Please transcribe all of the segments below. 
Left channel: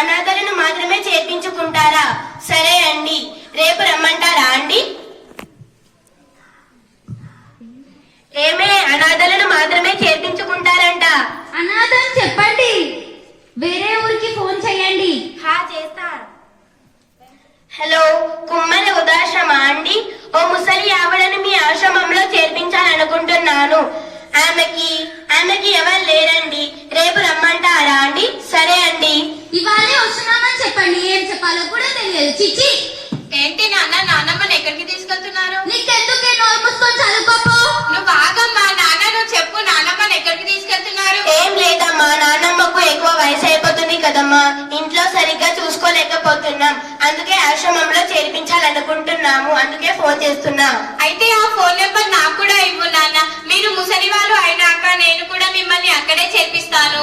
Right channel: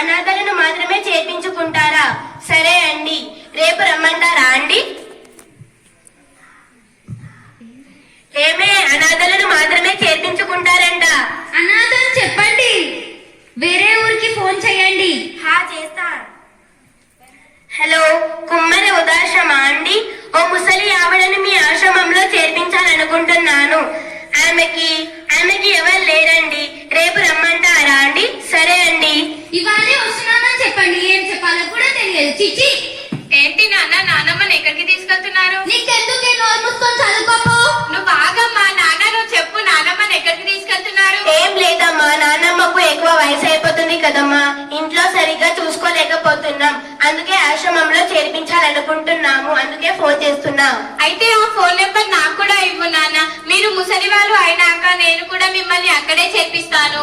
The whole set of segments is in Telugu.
అనాథలను మాత్రమే చేర్పించుకుంటారా? సరే అండి, రేపు రమ్మంటారా అండి? ఏమే, అనాథలను మాత్రమే చేర్పించుకుంటారంట. అనాథలు చెప్పండి, వేరే ఊరికి ఫోన్ చేయండి. చేస్తా. హలో, కుమ్మరి వృద్ధాశ్రమా అండి? ఓ ముసలి ఆవిడను మీ ఆశ్రమంలో చేర్పించాలనుకుంటున్నాను. ఆమెకి ఎవరు లేరండి. రేపు రమ్మంటారా అండి? సరే అండి. ఇవాళే వస్తున్నామని చెప్పండి. ఏం చెప్పాలో కూడా తెలియదు. చిచ్చి. ఏంటి నాన్న, నాన్నమ్మని ఎక్కడికి తీసుకెళ్తున్నారు? నీకెందుకే నోరు మూసుకొని చదువుకోపో. నువ్వు ఆగమ్మా. నాన్న, నువ్వు చెప్పు, నాన్నమ్మని ఎక్కడికి తీసుకెళ్తున్నారు? ఏం లేదమ్మా, నాన్నమ్మకు ఎక్కువ వయసు అయిపోతుంది కదమ్మా, ఇంట్లో సరిగ్గా చూసుకోలేకపోతున్నాం. అందుకే ఆశ్రమంలో చేర్పించాలనుకుంటున్నాము. అందుకే ఫోన్ చేస్తున్నా. అయితే ఆ ఫోన్ నెంబర్ నాకు కూడా ఇవ్వు నాన్న. మీరు ముసలి వాళ్ళు అయినాక నేను కూడా మిమ్మల్ని అక్కడే చేర్పిస్తాను.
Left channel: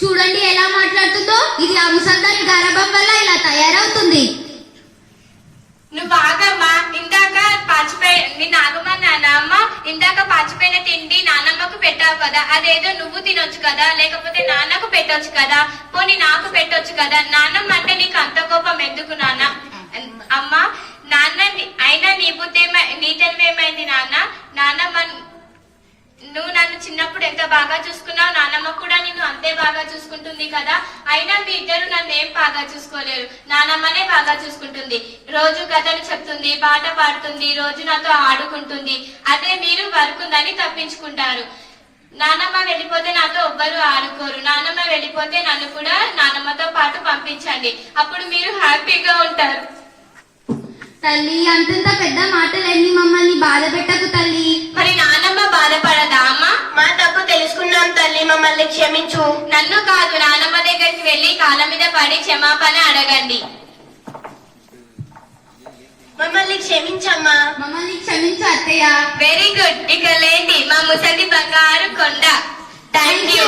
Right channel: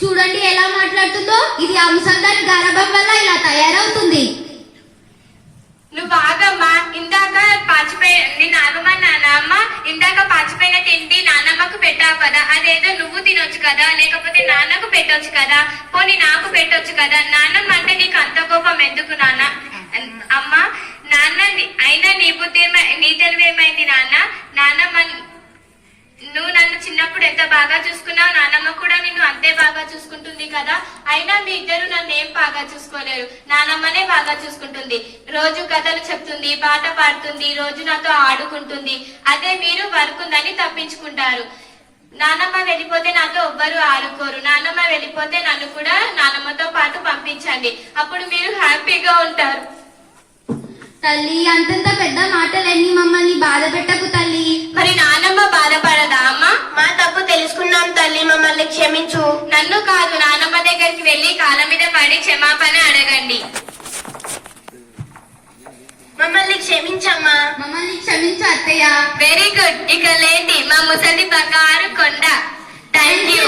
చూడండి ఎలా మాట్లాడుతుందో. ఇది ఆ ముసల్దాని గారాబం వల్ల ఇలా తయారవుతుంది. నువ్వు ఆగమ్మా. ఇందాక నాన్నమ్మ ఇందాక పాచిపోయిన తిండి నాన్నమ్మకు పెట్టావు కదా, అదేదో నువ్వు తినొచ్చు కదా, లేకపోతే నాన్నకు పెట్టొచ్చు కదా, పోనీ నాకు పెట్టొచ్చు కదా. నాన్నమ్మ అంటే నీకు అంత కోపం ఎందుకు నాన్న? అమ్మా, నాన్న అయినా నీ బుద్ధి నీ తెలివేమైంది నాన్న? నాన్నమ్మ, నువ్వు నన్ను చిన్నప్పుడు ఎంత బాగా చూసుకున్నావు, నాన్నమ్మ కూడా నిన్ను అంతే బాగా చూసుకుంటుంది కదా. అయినా మీ ఇద్దరు నన్ను ఏం బాగా చూసుకోలేరు, నాన్నమ్మనే బాగా చూసుకుంటుంది. రోజు కథలు చెప్తుంది, పాట పాడుతుంది, రోజు నాతో ఆడుకుంటుంది. అదే మీరు వర్క్ ఉందని తప్పించుకుంటారు. నాన్నమ్మ వెళ్ళిపోతే నాతో ఎవ్వరు ఆడుకోరు. నాన్నమ్మ వెళ్ళిపోతే నన్ను కూడా నాన్నమ్మతో పాటు పంపించండి, అప్పుడు మీరు హ్యాపీగా ఉంటారు. తల్లి, అంతంత పెద్ద మాటలన్నీ మమ్మల్ని బాధ పెట్టకు తల్లి. మరి నాన్నమ్మ బాధపడదా అమ్మా? మా తప్పు తెలుసుకున్నాం తల్లి, మమ్మల్ని క్షమించు. నన్ను కాదు, నాన్నమ్మ దగ్గరికి వెళ్లి కాళ్ళ మీద పడి క్షమాపణ అడగండి. మమ్మల్ని క్షమించమ్మా. మమ్మల్ని క్షమించు అత్తయ్య. Very good. ఇక లేండి మా ముసలి బంగారు కొండ. Thank you.